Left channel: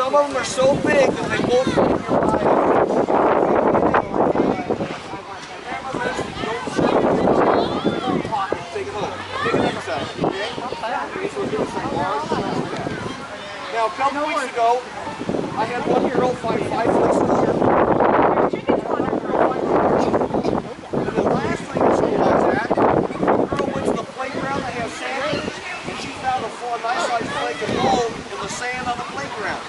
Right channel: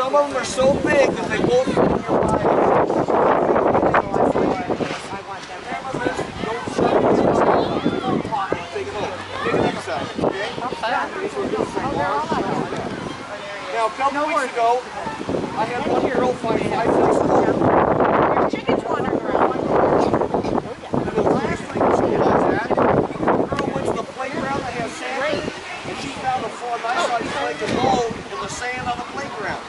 some of them are so big that they won't fit in your bio. Take it home. Take it next time, okay? Now, a couple weeks ago, I had one girl find 5 flakes of gold. Chickens wander around. And the last week of school I was at, the girl went to the playground that has sand, and she found a nice sized flake of gold in the sand on the playground.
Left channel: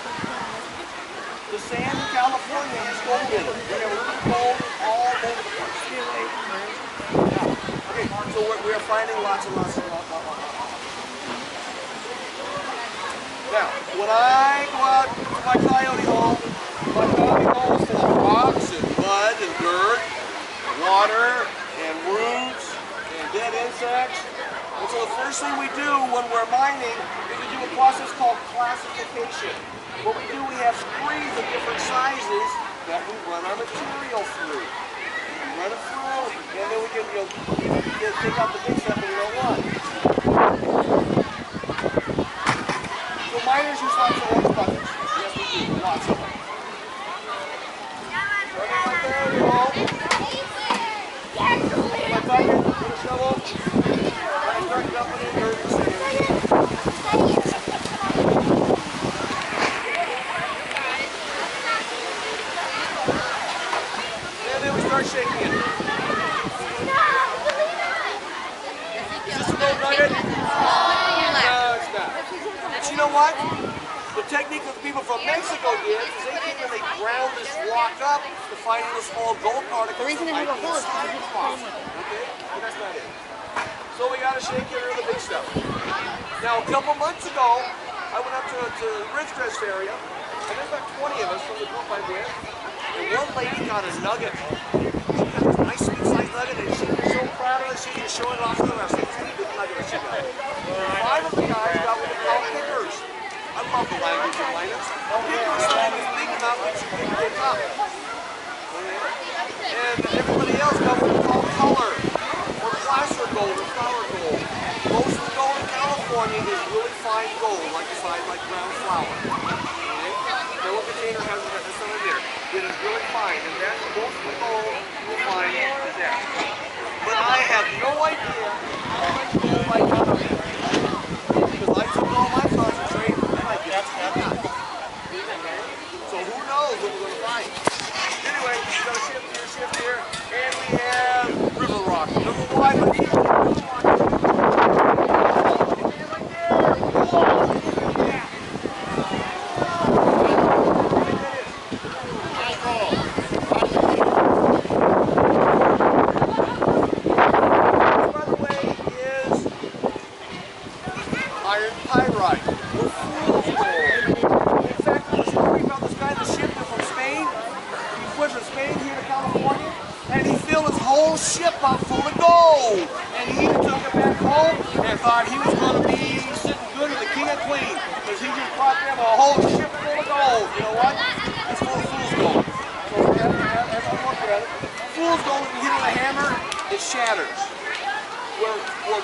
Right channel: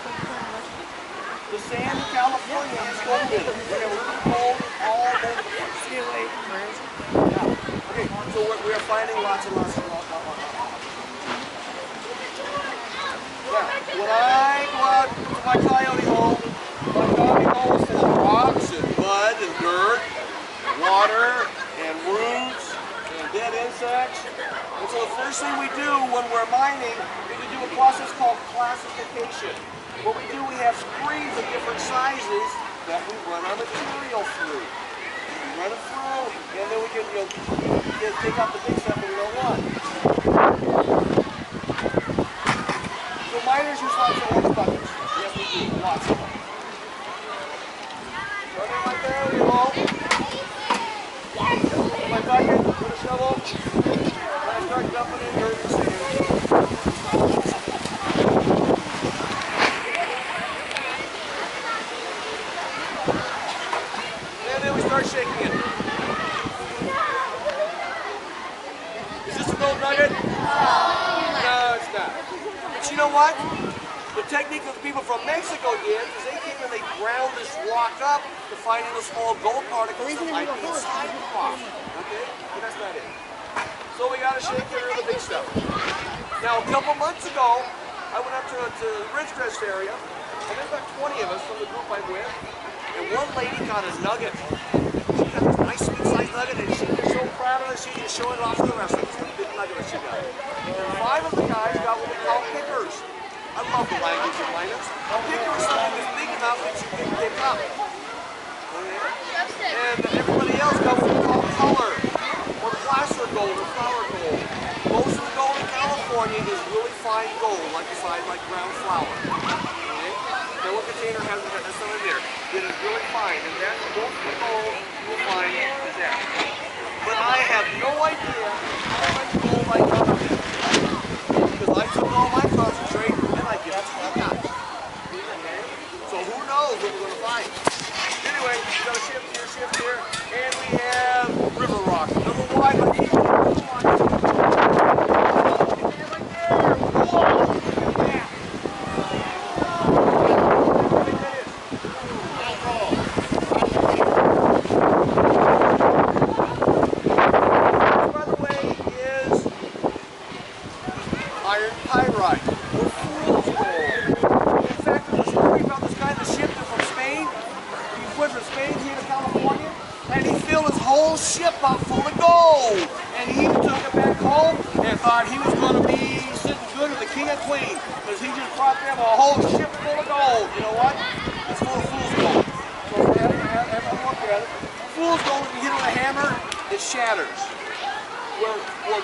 The sand in California has gold in it. We have a little gold all over the place. Okay, so we're finding lots and lots. Now, when I go out to my coyote hole is full of rocks and mud and dirt, and water and roots and dead insects. And so the first thing we do when we're mining is we do a process called classification. What we do, we have screens of different sizes that we run our material through. We run it through, and then we can take out the big stuff that we don't want. So miners use lots of orange buckets. Yes, we do. Lots of them. Running right there, you know. My bucket with a shovel. I start dumping in dirt and sand. And then we start shaking it. Is this an old nugget? No, it's not. But you know what? The technique that the people from Mexico did is they came and they ground this rock up to find little small gold particles that might be inside the rock. Okay? But that's not it. So we got to shake it or the big stuff. Now, a couple months ago, I went up to the Ridgecrest area, and there's about 20 of us from the group I'm with, and one lady got a nugget. She got this nice big-sized nugget, and she was so proud of it, she just showed it off to the rest of us. This big nugget that she got. And 5 of the guys got what we call pickers. I love the language of miners. A picker is something that's big enough that you can pick up. And everybody else got what we call color, or placer gold, or flour gold. Most of the gold in California is really fine gold, like ground flour. Okay? Now what container has some in there? It is really fine, and that's most of the gold you'll find is that. But I have no idea how much gold I got up here. Because I took all my concentrate and I give it to you guys. So who knows what we're going to find. Anyway, we've got a shift here, and we have river rock. Number one, but keep it river rock. Right there. Whoa! Yeah. By the way, is iron pyrite, or fool's gold. In fact, there was a story about this guy that shipped it from Spain. He went from Spain here to California, and he filled his whole ship up full of gold. And he took it back home and thought he was going to be sitting good with the king and queen, because he just brought them a whole ship full of gold. You know what? It's full of fool's gold. So have a look at it. Fool's gold, if you hit it with a hammer, it shatters. Where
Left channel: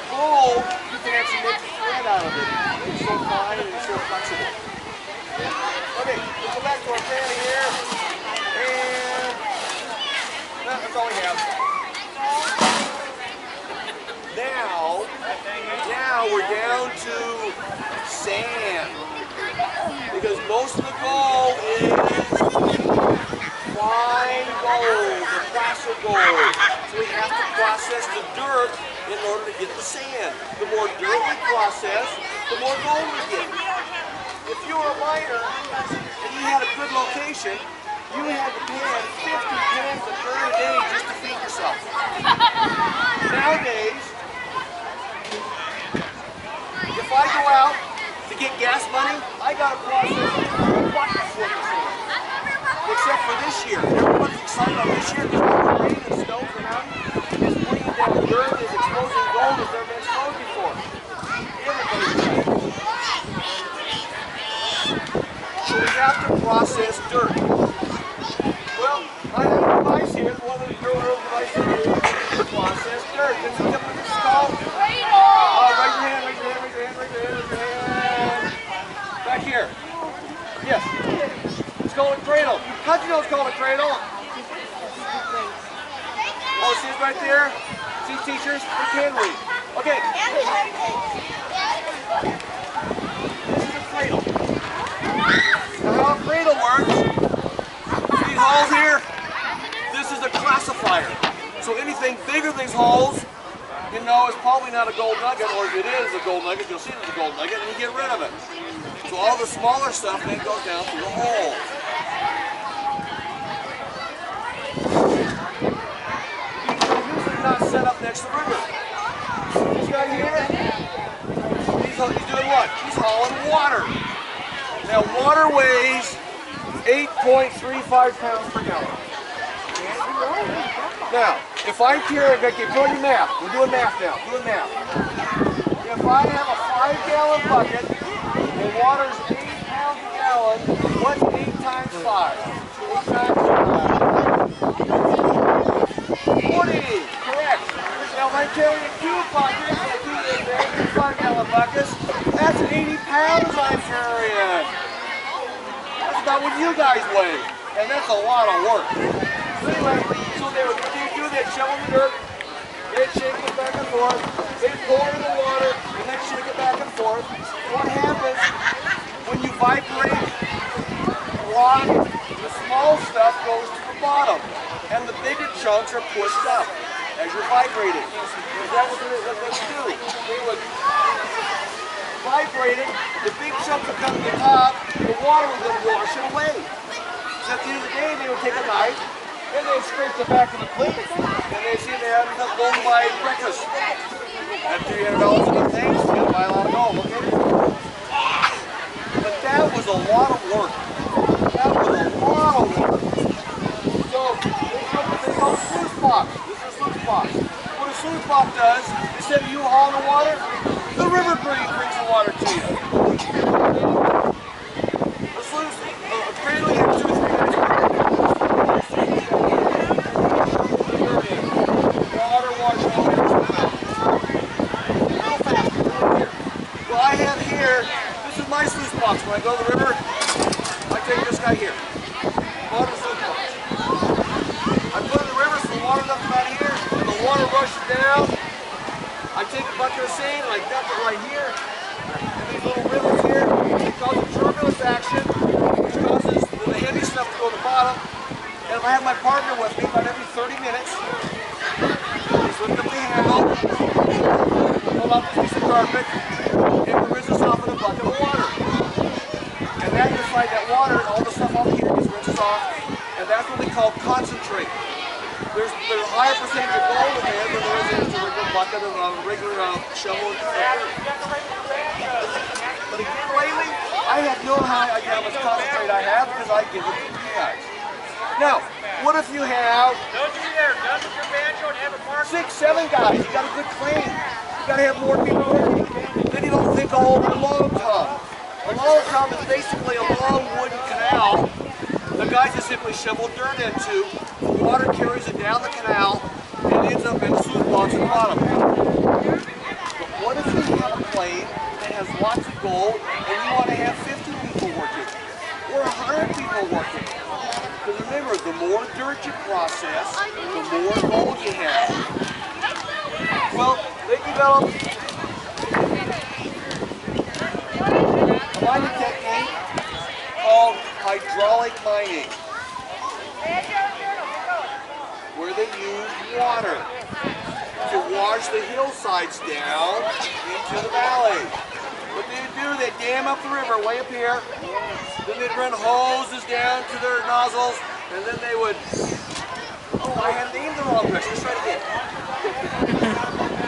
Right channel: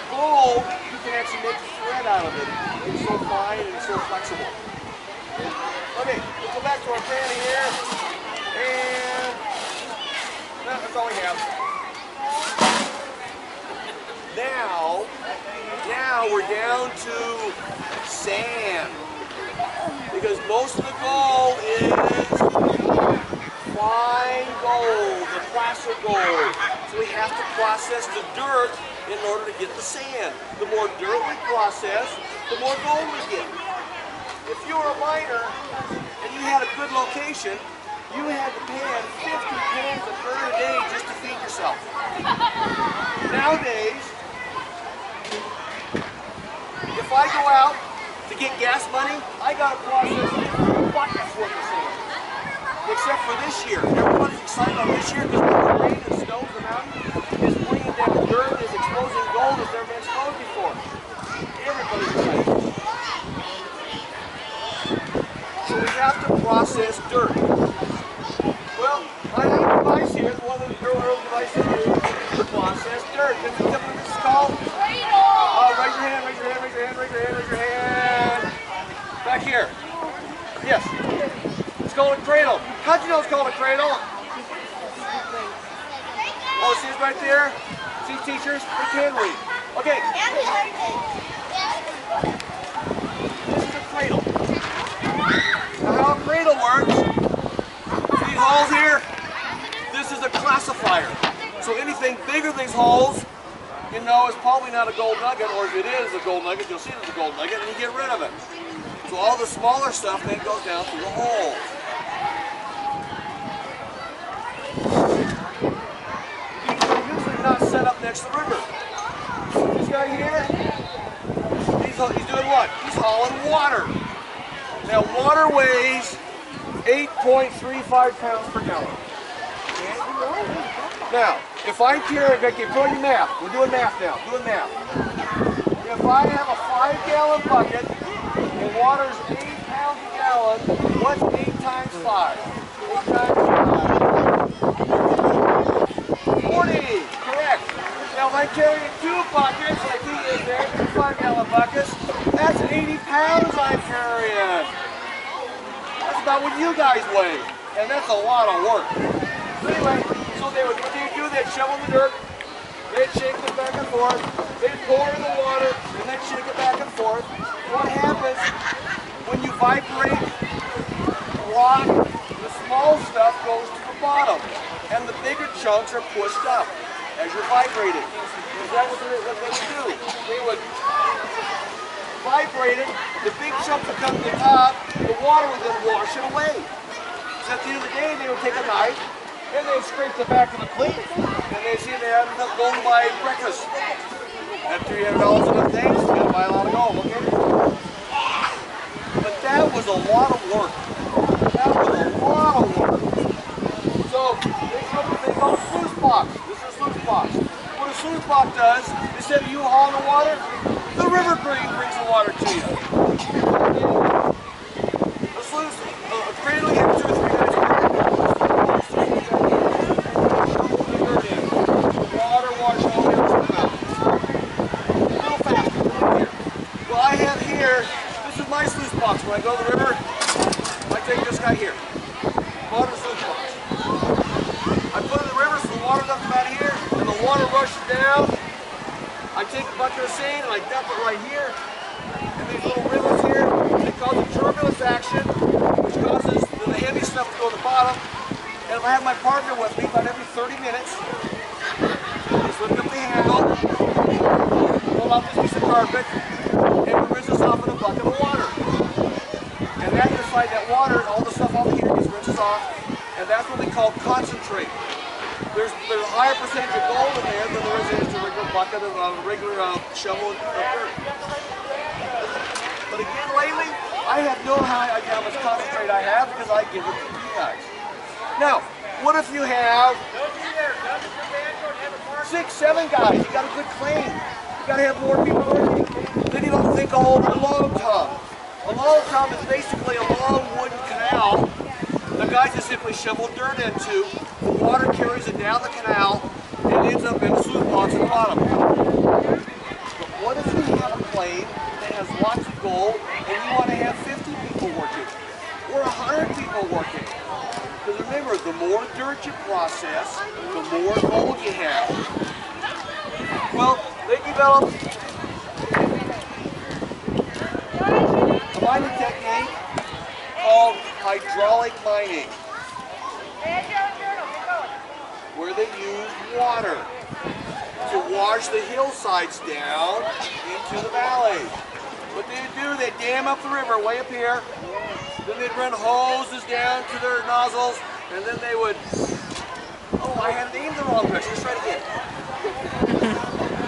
gold, you can actually make thread out of it. It's so fine and it's so flexible. Okay, let's go back to our pan here. And that's all we have. Now we're down to sand. Because most of the gold is fine gold, the placer gold. So we have to process the dirt in order to get the sand. The more dirt we process, the more gold we get. If you were a miner and you had a good location, you had to pan 50 pans of dirt a day just to feed yourself. Nowadays, if I go out to get gas money, I got to process buckets worth of sand. Except for this year. Everybody's excited about this year because all the rain and snow and mountain is bringing down dirt, is exposing gold as never been exposed before. Everybody's excited. So we have to process dirt. Well, I have a device here, one of the drill devices to process dirt. This is what this is called. Raise your hand, raise your hand, raise your hand, raise your hand, raise your hand. Back here. Yes. It's called a cradle. How'd you know it's called a cradle? Oh, see it right there? See, teachers, they can read. Okay. This is a cradle. Now how a cradle works, these holes here, this is a classifier. So anything bigger than these holes, you know, it's probably not a gold nugget, or if it is a gold nugget, you'll see it as a gold nugget, and you get rid of it. So all the smaller stuff then goes down through the hole. These are usually not set up next to the river. This guy here, he's doing what? He's hauling water. Now water weighs 8.35 pounds per gallon. Now, if I'm carrying, okay, put on your math. We're doing math now. Doing math. If I have a 5-gallon bucket and water's 8 pounds a gallon, what's 8 times 5? 8 times 5. 40. Correct. Now, if I'm carrying 2 buckets, like he is there, 2 5-gallon buckets, that's 80 pounds I'm carrying. That's about what you guys weigh, and that's a lot of work. So anyway, what they do, they'd shovel the dirt, they'd shake it back and forth, they'd pour in the water, and they'd shake it back and forth. What happens when you vibrate rock, the small stuff goes to the bottom, and the bigger chunks are pushed up as you're vibrating. Is that what they would do? They would vibrate it, the big chunks would come to the top, the water would then wash it away. So at the end of the day, they would take a knife, and they scrape the back of the cleat, and they see they had enough gold to buy breakfast. At $300 in the things, you gotta buy a lot of gold, okay? But that was a lot of work. That was a lot of work. So, they call a sluice box. This is a sluice box. What a sluice box does, instead of you hauling the water, the river brings the water to you. A sluice, a cradle, you have 2 or 3 guys. Well, I have here, this is my sluice box. When I go to the river, I take this guy here. Water sluice box. I put it in the river so the water's up about here, and the water rushes down. I take a bucket of sand and I dump it right here. And these little rivers here, they cause a turbulence action, which causes the heavy stuff to go to the bottom. And if I have my partner with me, about every 30 minutes, just lift up the handle, pull out this piece of carpet, and we rinse this off in a bucket of water. And that inside that water, all the stuff off here gets rinsed off, and that's what we call concentrate. There's a higher percentage of gold in there than there is in a regular bucket of regular shovel and dirt. But again, lately, I have no idea how much concentrate I have because I give it to you guys. Now, what if you have 6, 7 guys? You got a good claim. You got to have more people working. Then you don't think of a long tub. A long tub is basically a long wooden canal. The guys just simply shovel dirt into. The water carries it down the canal and ends up in a sluice box at the bottom. But what if you have a claim that has lots of gold and you want to have 50 people working or 100 people working? Because remember, the more dirt you process, the more gold you have. Well, they developed a mining technique called hydraulic mining, where they use water to wash the hillsides down into the valley. What they do, they dam up the river way up here, then they'd run hoses down to their nozzles, and then they would, oh, I had named the wrong direction, let's try it again.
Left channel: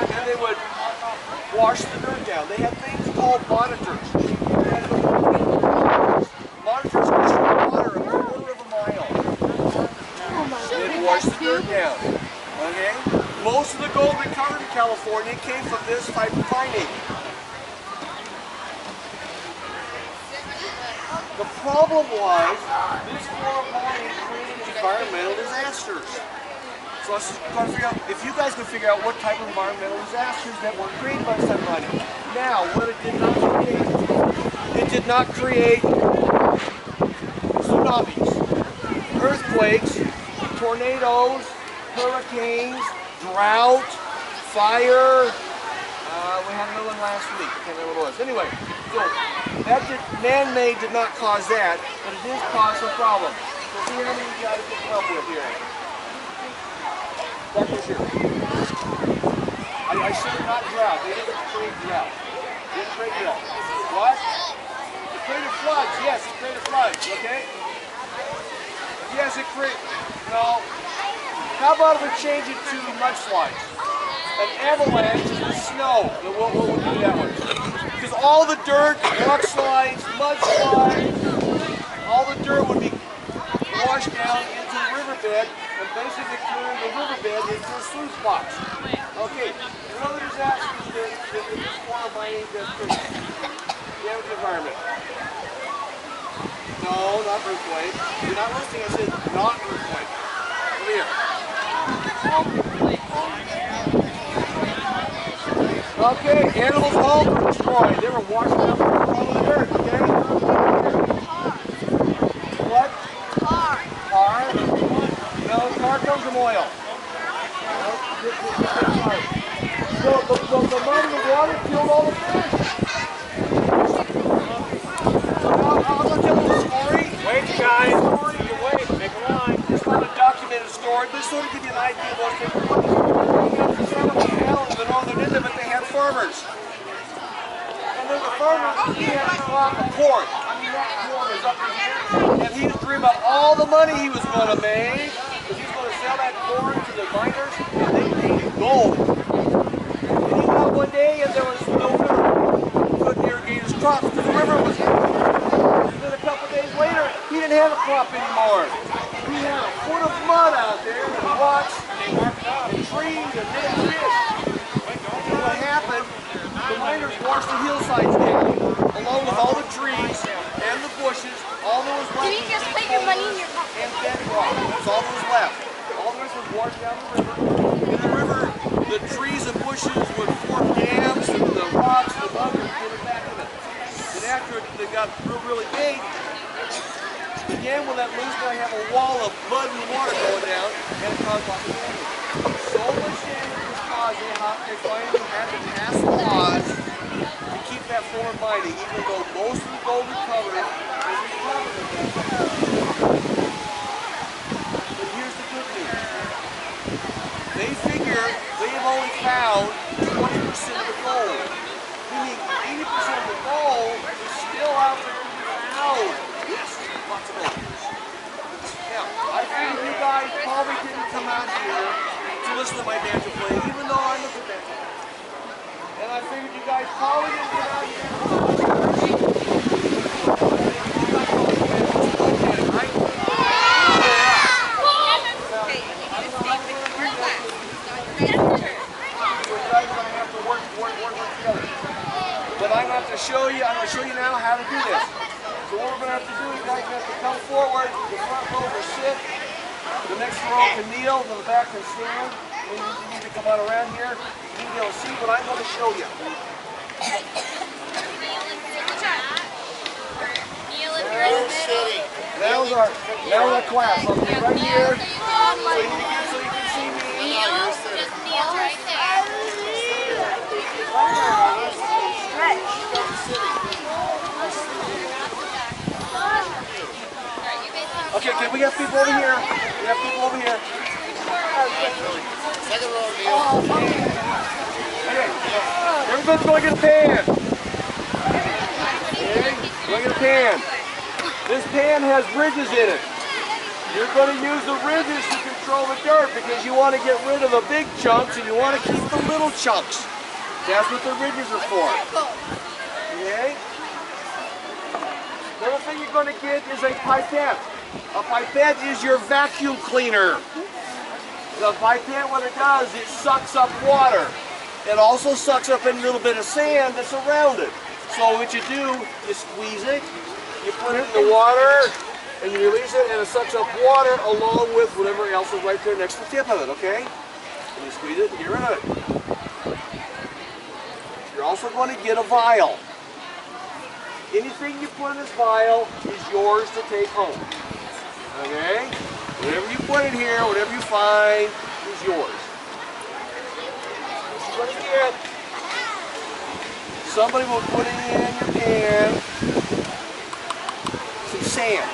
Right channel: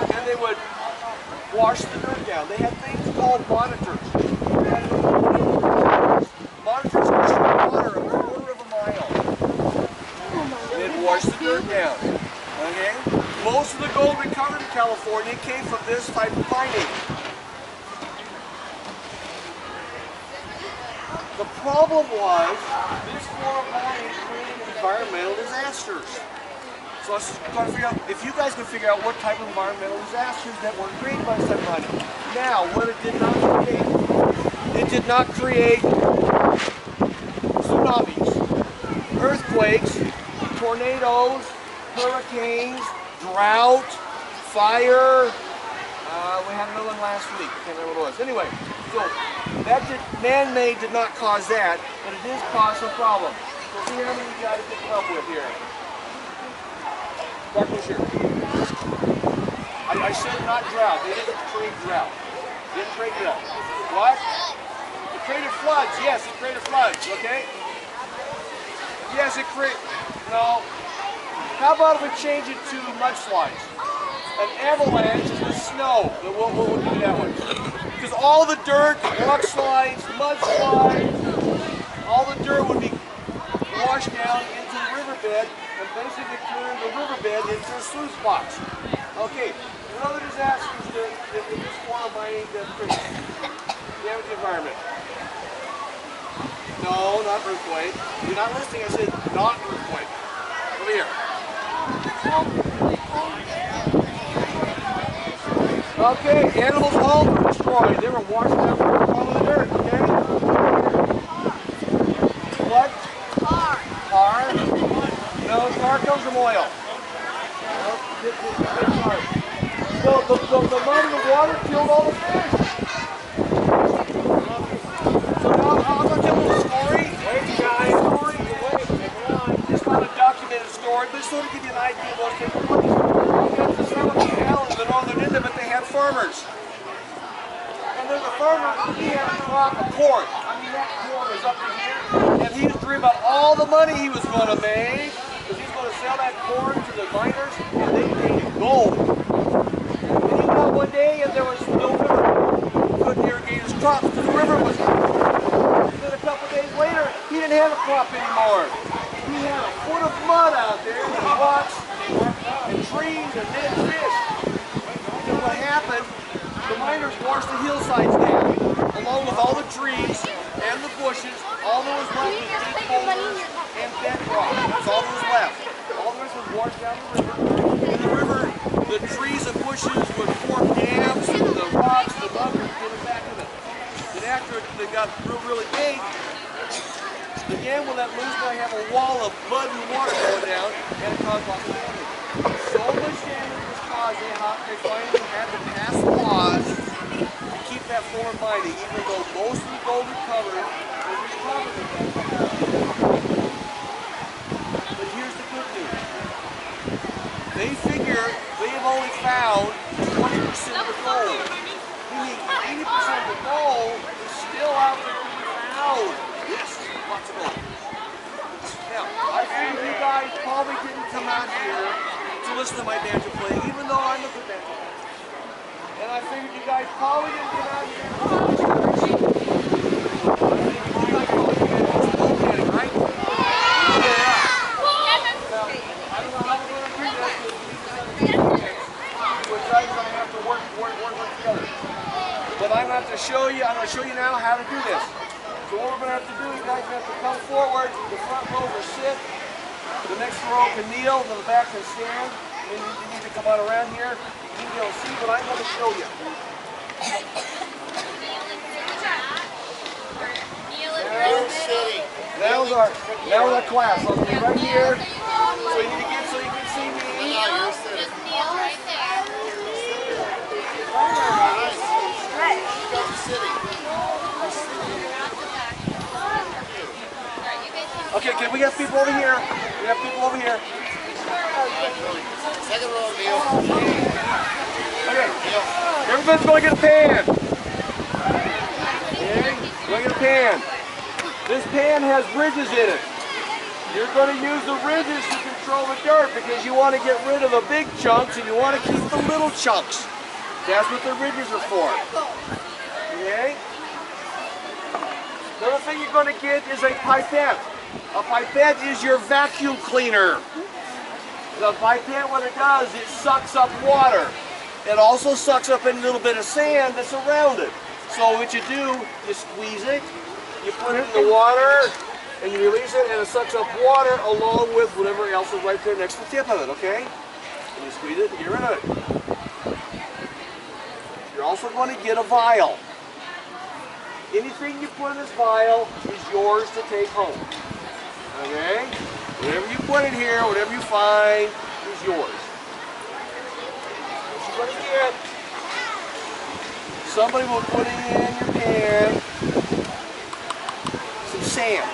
And they would wash the dirt down. They had things called monitors. Monitors would show water a quarter of a mile. They'd wash the dirt down. Okay? Most of the gold recovered in California came from this type of mining. The problem was this form of mining created environmental disasters. So I was trying to figure out if you guys could figure out what type of environmental disasters that were created by this type of mining. Now, what it did not create tsunamis, earthquakes, tornadoes, hurricanes, drought, fire. We had another one last week. I can't remember what it was. Anyway, so that man-made did not cause that, but it did cause some problem. So see how many you guys can come up with here. Start this here. I said not drought. They didn't create drought. They didn't create drought. What? It created floods. Yes, it created floods. Okay? Yes, it created. No. How about if we change it to mudslides? An avalanche is with snow. We'll do that one. Because all the dirt, rock slides, mudslides, all the dirt would be washed down into the riverbed and basically turn the riverbed into a sluice box. Okay, another disaster is this form of mining that damage the environment. No, not earthquake. You're not listening. I said not earthquake. Over here. Okay, animals' homes were destroyed. They were washed down from the bottom of the dirt, okay? What? Tar. Tar? No, tar comes from oil. So the mud and the water killed all the fish. So now I'm going to tell you a story. Wait, guys. Wait, make a line. It's not a documented story, but it's sort of give you an idea of what's taking place. The northern end of it, they had farmers. And then the farmer, he had a crop of corn. I mean, that corn was up in here. And he was dreaming about all the money he was going to make. Because he was going to sell that corn to the miners, and they paid gold. And he went out one day, and there was no river. He couldn't irrigate his crops because the river was here. Then a couple of days later, he didn't have a crop anymore. He had a foot of mud out there, and rocks, and trees, and dead fish. And what happened, the miners washed the hillsides down, along with all the trees and the bushes. All that was left was deep boulders and bedrock. That's all that was left. All the rest was washed down the river. In the river, the trees and bushes would form dams, and the rocks, the mud would get it back in it. And after it got really big, the dam will let loose. Now you have a wall of mud and water going down, and it caused lots of damage. So much damage was caused, they finally had to pass laws to keep that form of mining, even though most of the gold recovered was recovered at that time. But here's the good news. They figure they have only found 20% of the gold, meaning 80% of the gold is still out there to be found. Yes, lots of gold. Now, I figured you guys probably didn't come out here to listen to my banjo playing, even though I'm a good banjo player. And I figured you guys probably didn't come out here to listen to my banjo. You guys probably did gold canning, right? Yeah. Now, I don't know how we're going to do this. We're going to have to work together. But I'm going to have to show you, now how to do this. So what we're going to have to do, you guys have to come forward, the front row will sit, the next row can kneel, the back can stand, and you need to come out around here, you need to be able to see what I'm going to show you. That was our class. I'll be right here, so you can see me. Just kneel right there. Okay, we got people over here. We have people over here. Second row, Neil. Okay, everybody's going to get a pan. Okay, going to get a pan. This pan has ridges in it. You're going to use the ridges to control the dirt because you want to get rid of the big chunks and you want to keep the little chunks. That's what the ridges are for. Okay? Another thing you're going to get is a pipette. A pipette is your vacuum cleaner. The pipette, what it does, it sucks up water. It also sucks up a little bit of sand that's around it. So what you do, you squeeze it, you put it in the water, and you release it, and it sucks up water along with whatever else is right there next to the tip of it, okay? And you squeeze it and get rid of it. You're also going to get a vial. anything you put in this vial is yours to take home. Okay? Whatever you put in here, whatever you find, is yours. What you're going to get, somebody will put in your pan some sand.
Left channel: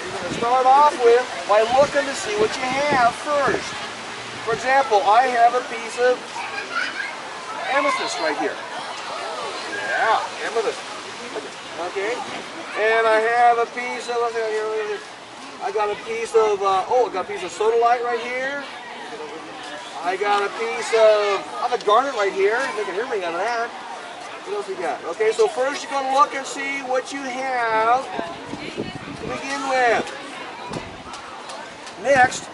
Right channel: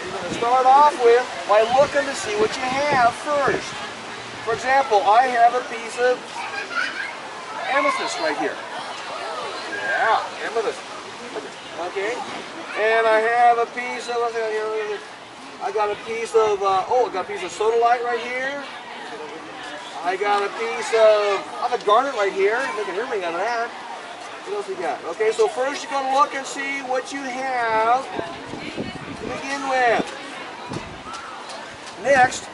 You're going to start off with by looking to see what you have first. For example, I have a piece of amethyst right here. Yeah, amethyst. Okay. And I have a piece of, let's see, I got a piece of, I got a piece of sodalite right here. I got a piece of, I have a garnet right here. Make an earring out of that. What else we got? Okay, so first you're going to look and see what you have to begin with. Next,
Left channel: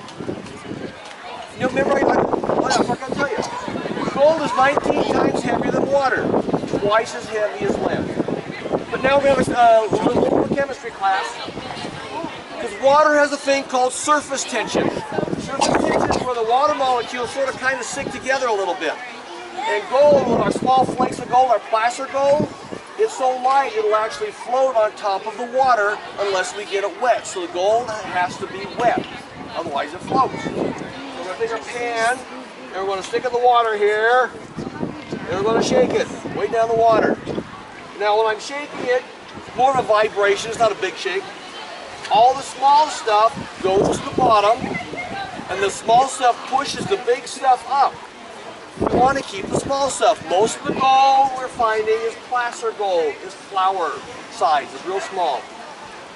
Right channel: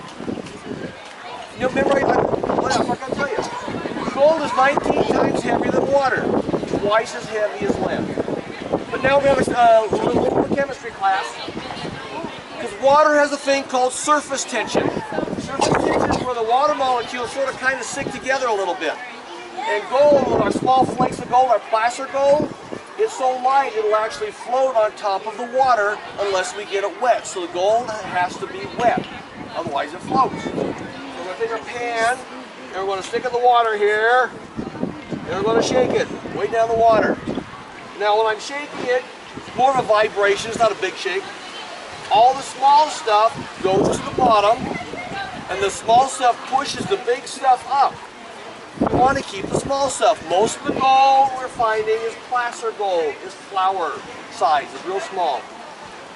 you remember, what else I can tell you? Gold is 19 times heavier than water, twice as heavy as lead. But now we have a little chemistry class, because water has a thing called surface tension. Surface tension is where the water molecules sort of kind of stick together a little bit. And gold, with our small flakes of gold, our placer gold, it's so light it'll actually float on top of the water unless we get it wet. So the gold has to be wet, otherwise it floats. So we're going to take our pan, and we're going to stick it in the water here, and we're going to shake it way down the water. Now when I'm shaking it, it's more of a vibration, it's not a big shake. All the small stuff goes to the bottom, and the small stuff pushes the big stuff up. We want to keep the small stuff. Most of the gold we're finding is placer gold, is flour size, it's real small.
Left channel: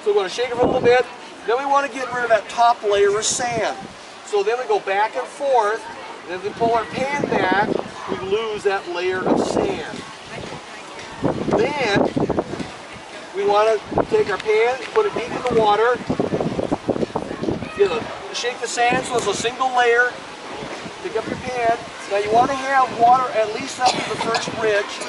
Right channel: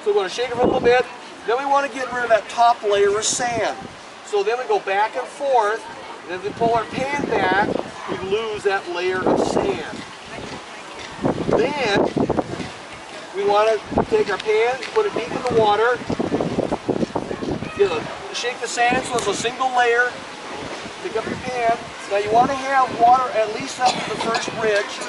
So we're going to shake it for a little bit. Then we want to get rid of that top layer of sand. So then we go back and forth, and as we pull our pan back, we lose that layer of sand. Then we want to take our pan, put it deep in the water, shake the sand so it's a single layer, pick up your pan. Now you want to have water at least up to the first ridge,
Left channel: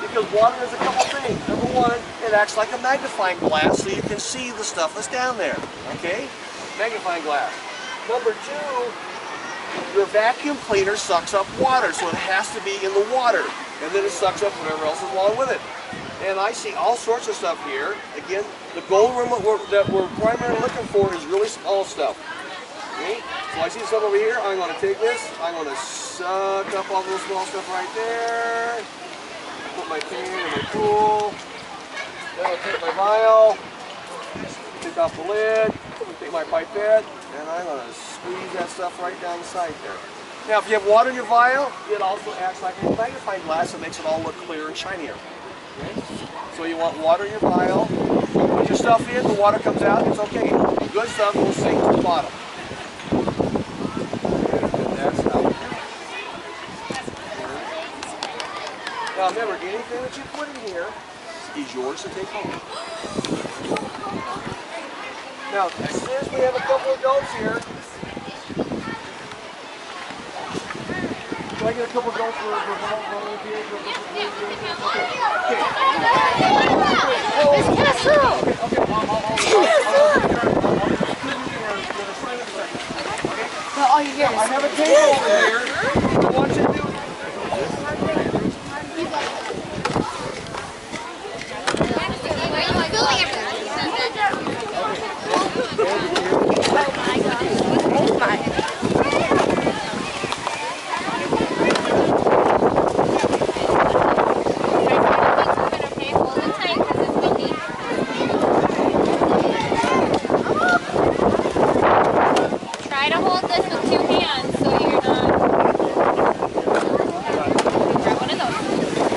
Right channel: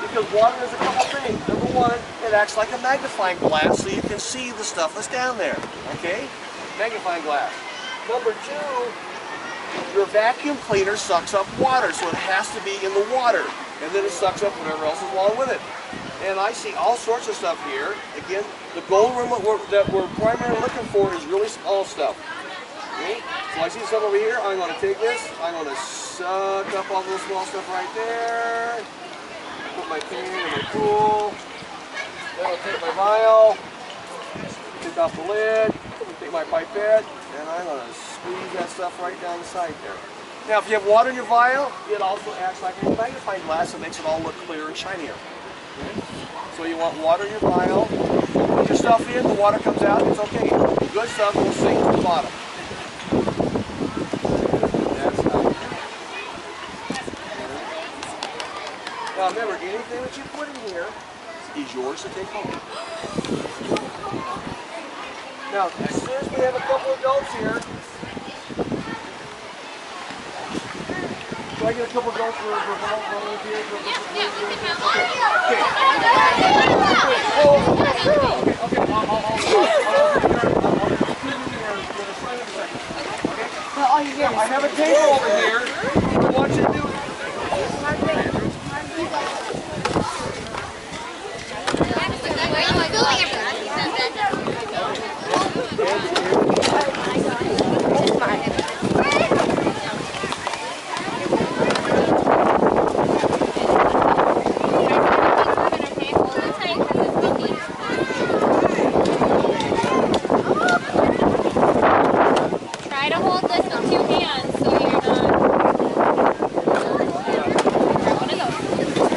because water does a couple things. Number one, it acts like a magnifying glass so you can see the stuff that's down there. Okay? Magnifying glass. Number two, your vacuum cleaner sucks up water, so it has to be in the water. And then it sucks up whatever else is along with it. And I see all sorts of stuff here. Again, the gold that we're primarily looking for is really small stuff. Okay? So I see stuff over here. I'm going to take this. I'm going to suck up all the small stuff right there. Put my pan in my pool. Then I'll take my vial. Take off the lid. Take my pipette. And I'm going to squeeze that stuff right down the side there. Now, if you have water in your vial, it also acts like a magnifying glass and makes it all look clearer and shinier. Okay? So you want water in your vial. You put your stuff in, the water comes out, it's okay. The good stuff will sink to the bottom. That's how. Now remember, anything that you put in here is yours to take home. Now, since we have a couple of adults here, do I get a couple of adults for volunteers? Yeah. I have a table over here. What I want you to do Try to hold this with 2 hands so you're not... Grab one of those.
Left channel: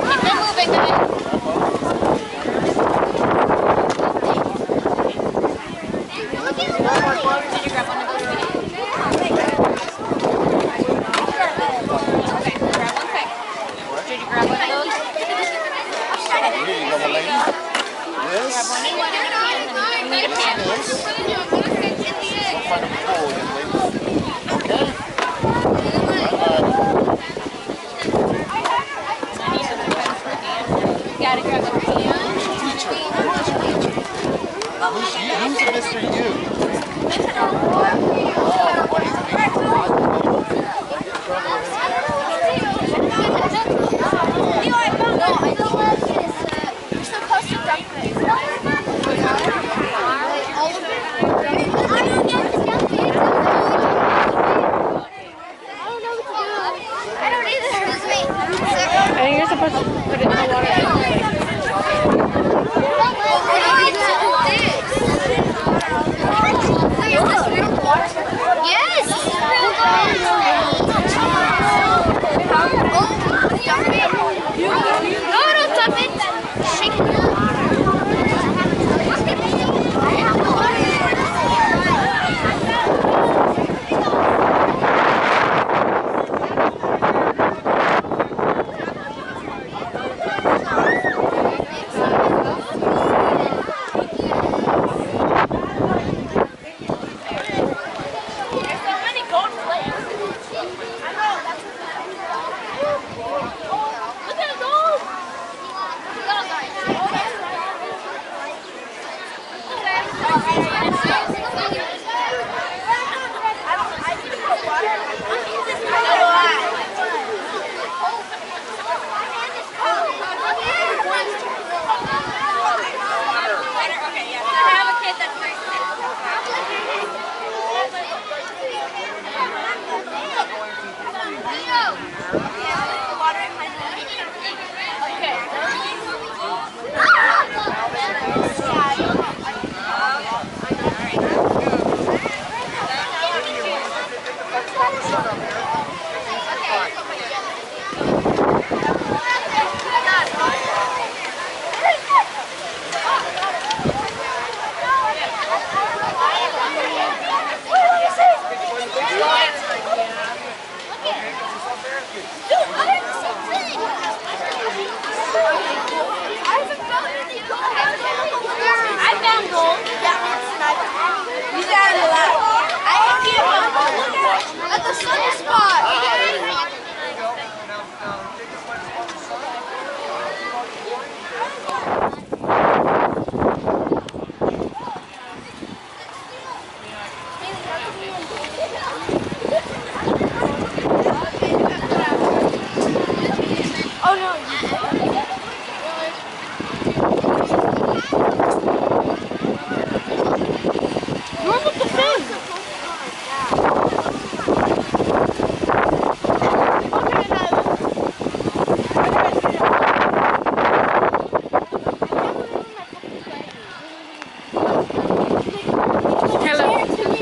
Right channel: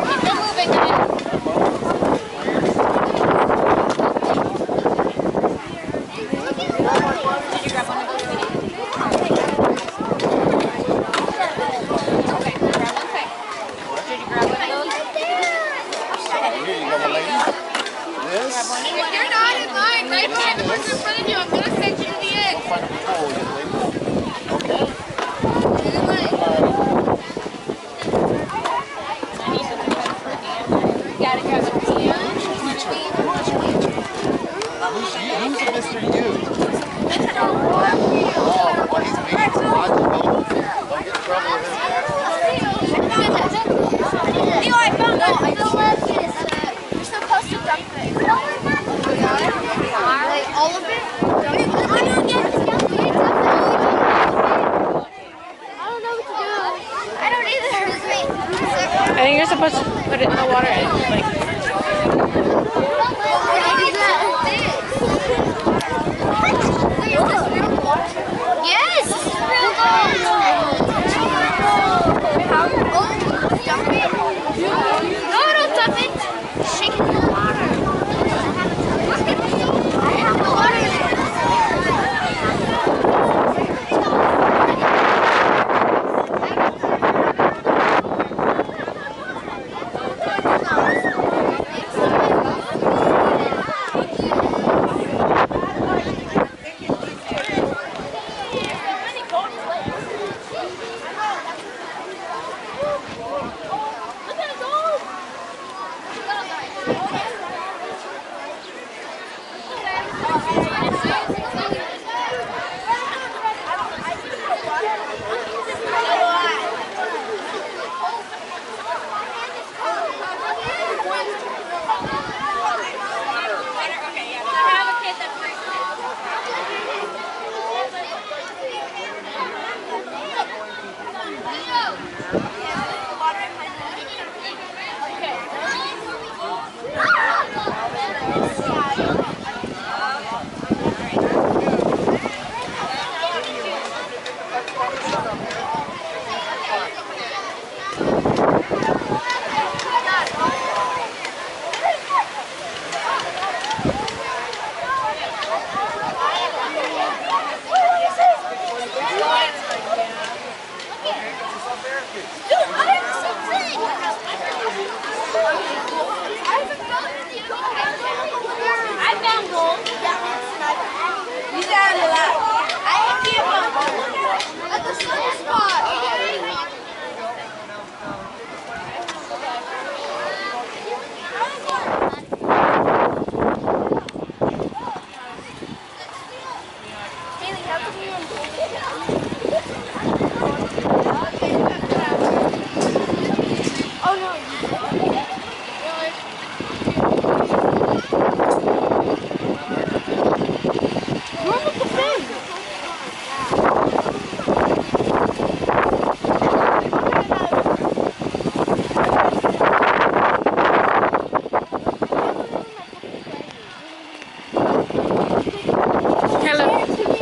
Keep them moving, guys. Did you grab one of those? Okay, grab one quick. Did you grab one of those? this. Grab one of those. You're not in line. My hand is in front of you. I'm going to send you in the end. Okay. You gotta grab a pen. Who's a Mr. U? Mr. Oh, well, he's a big don't get in trouble with him. I found out. Yes, this is real gold. No, don't dump it. Shake it in the water. I have the water.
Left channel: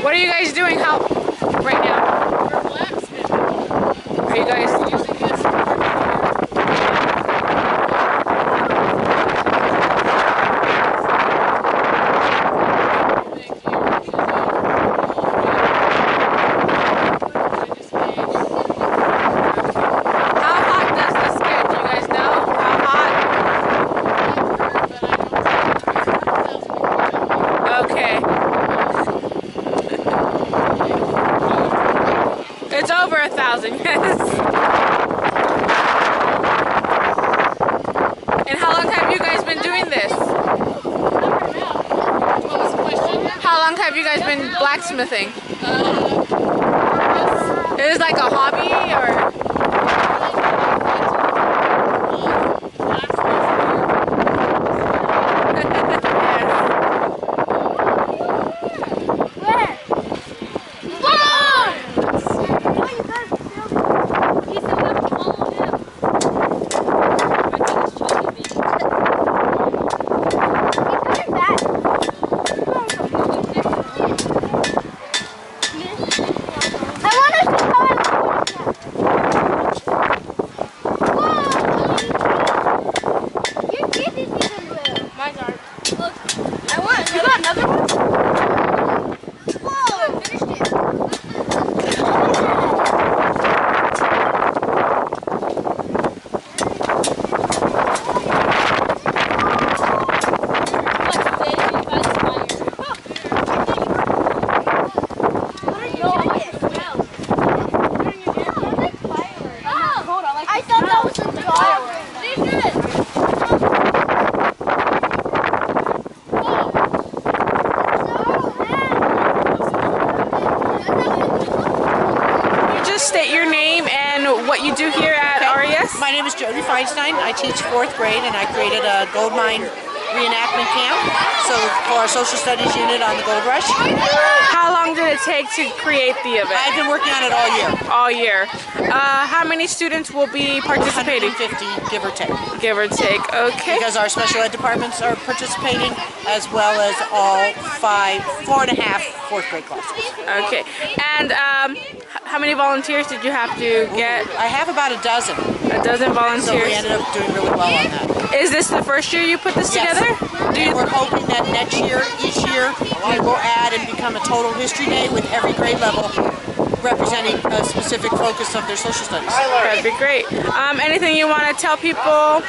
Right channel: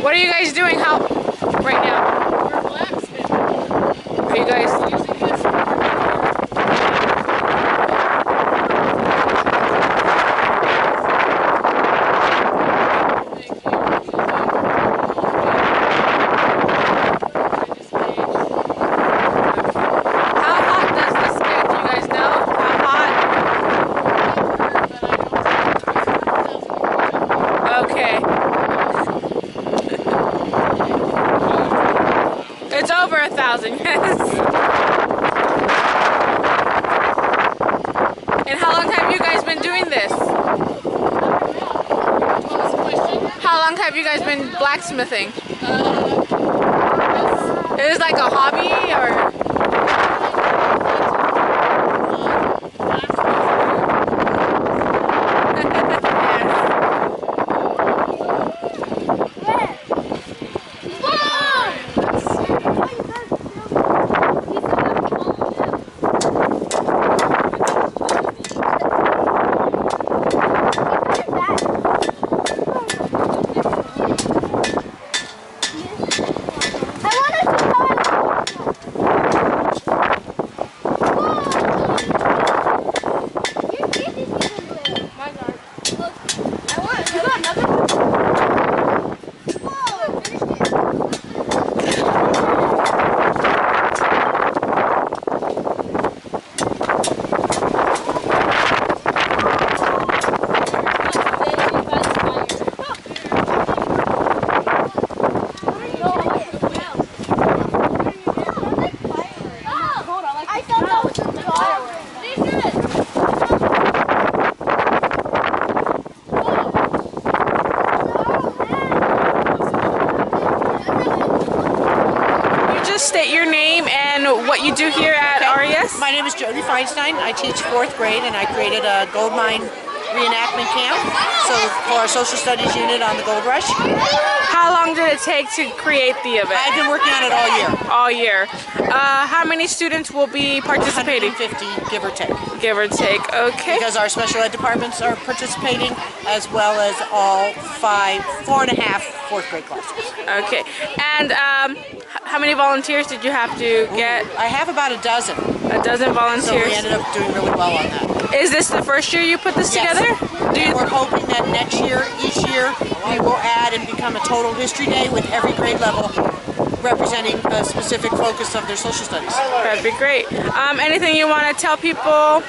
What are you guys doing right now? We're blacksmithing. Are you guys Using this How hot does this get? Do you guys know? How hot? Okay. It's over 1,000, yes. And how long have you guys been doing this? What was the question? How long have you guys been blacksmithing? Is it like a hobby or? State your name and what you do here at RES. My name is Jodi Feinstein. I teach 4th grade and I created a gold mine reenactment camp. So for our social studies unit on the Gold Rush. How long did it take to create the event? I've been working on it all year. All year. How many students will be participating? 150, give or take. Give or take. Okay. Because our special ed departments are participating, as well as all 4.5 fourth grade classes. Okay. And how many volunteers did you have to get? I have about a dozen. A dozen volunteers. So we ended up doing really well on that. Is this the first year you put this together? And we're hoping that next year, each year, we will add and become a total history day with every grade level representing a specific focus of their social studies. That'd be great. Anything you want to tell people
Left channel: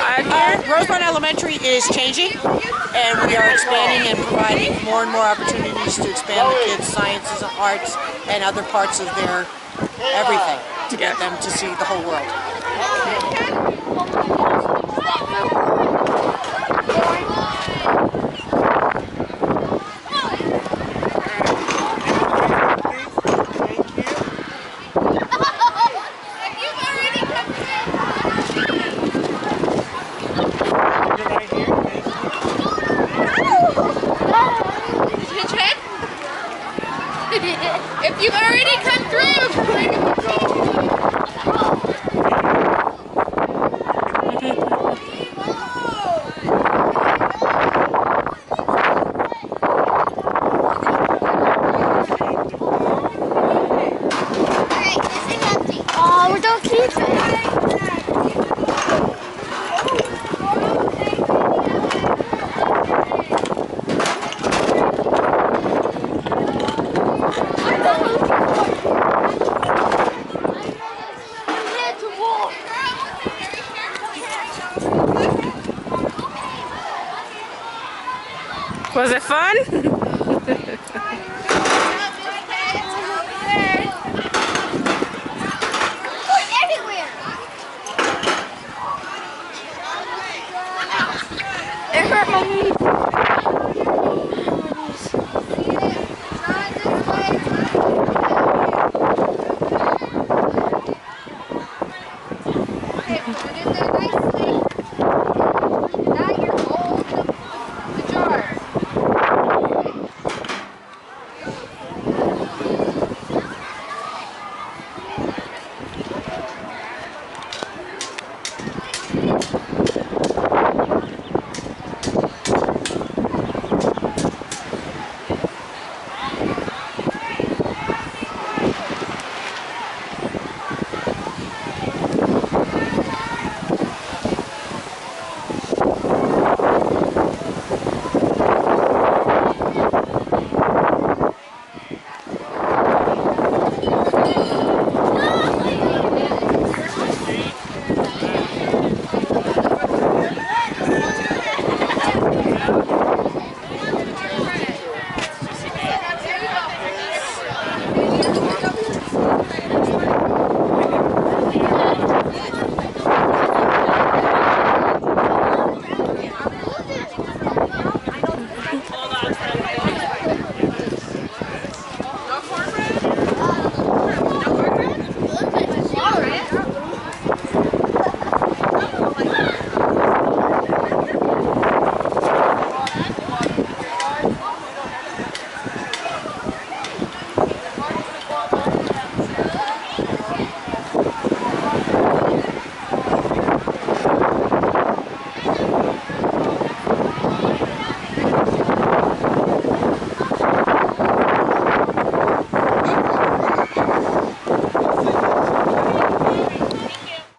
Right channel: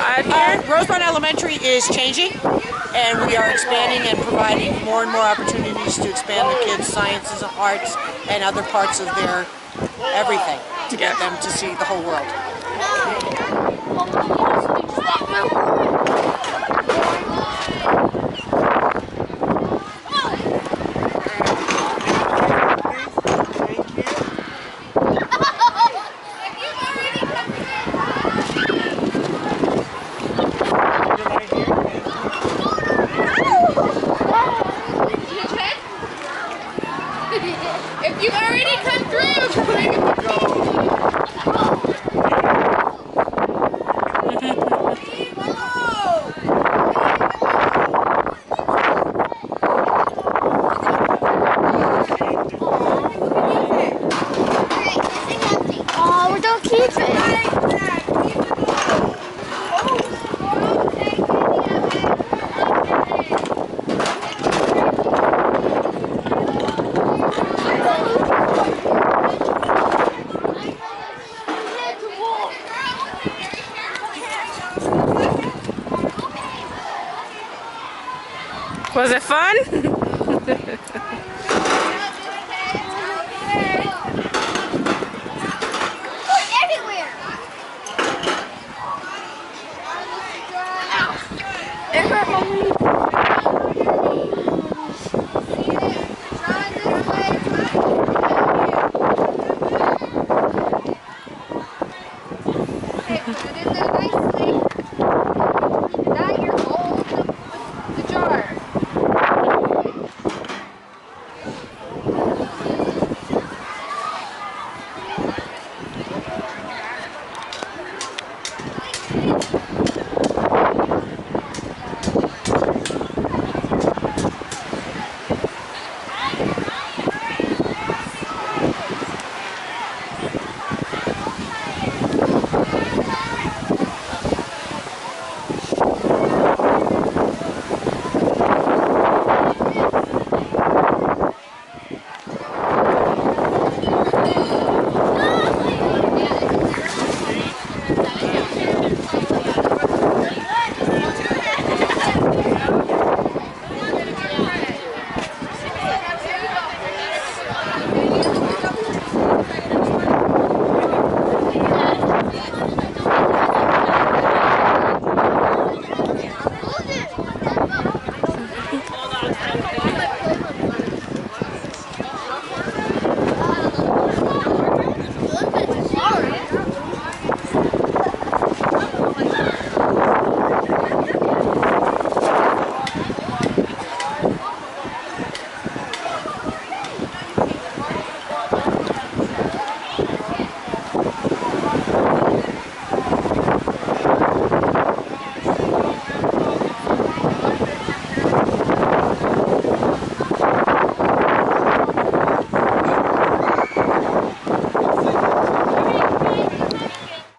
out here? Rosamond Elementary is changing, and we are expanding and providing more and more opportunities to expand the kids' sciences and arts and other parts of their everything to get them to see the whole world. If you've already come through, oh, we don't keep it. Was it fun? Everywhere. It hurt my knee.